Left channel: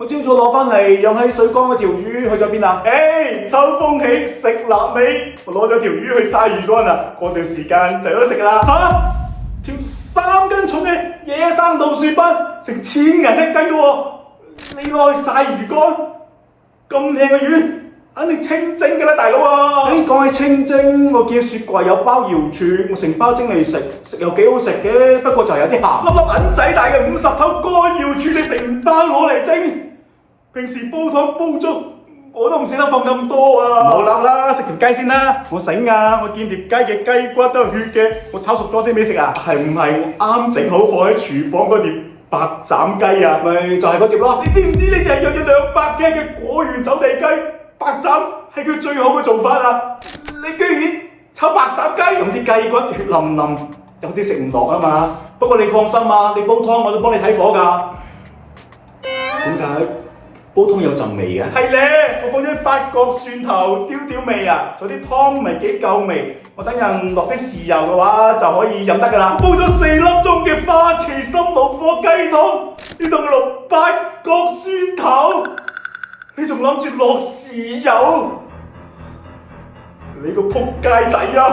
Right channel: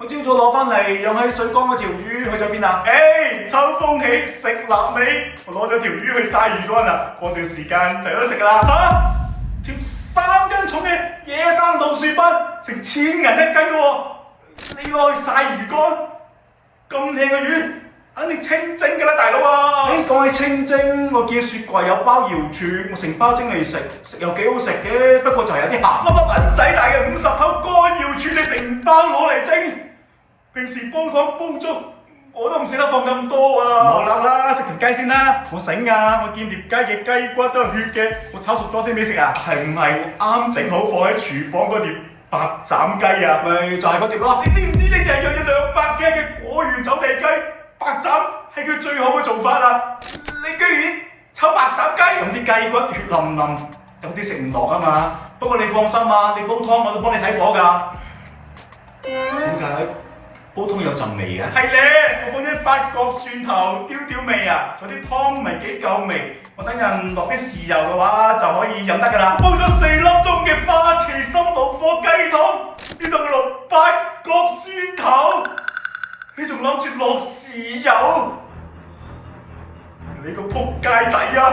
我朝早攞翻嚟養喺水缸嗰條魚去咗邊啊？秋風起，食臘味，我攞咗條魚去曬魚乾啦，過段時間就有得食噶啦。條3斤重嘅野生老鼠斑，成1000銀1斤嘅喎，你攞去曬魚乾，咁靚嘅魚，肯定清蒸嘅啦，大佬啊！講起清蒸，我見雪櫃有包瑤柱，我成包蒸嚟食，食又幾好食嘅，不過就有啲鹹。粒銀仔大嘅50頭乾瑤柱，你成包攞嚟蒸，平時煲湯煲粥我都唔捨得放咁多啊！唔好諗啦，食條雞先啦。我醒啊！我見碟雞嘅雞骨都有血嘅，我炒熟咗先俾食啊！係唔係啱整好放喺廚房嗰碟白斬雞啊？咪就係嗰碟咯。你知唔知呢隻養咗200K嘅果園走地雞白斬係佢最好嘅做法啊？你居然炒白斬雞？咁啲雞骨血淋淋，有啲食唔落啊嘛。不過你放心啊，你煲湯我都幫你睇火㗎。點解煲湯有陣味嘅？係咧，我放咗啲八角、蒜頭，刁味啊，仲有啲湯味幾夠味。我等陣落啲豉油嘅話就可以飲得㗎啦。煲咗4粒鐘嘅花旗參老火雞湯，邊度落八角、蒜頭？你仲諗住落豉油？你個仆街仔啊！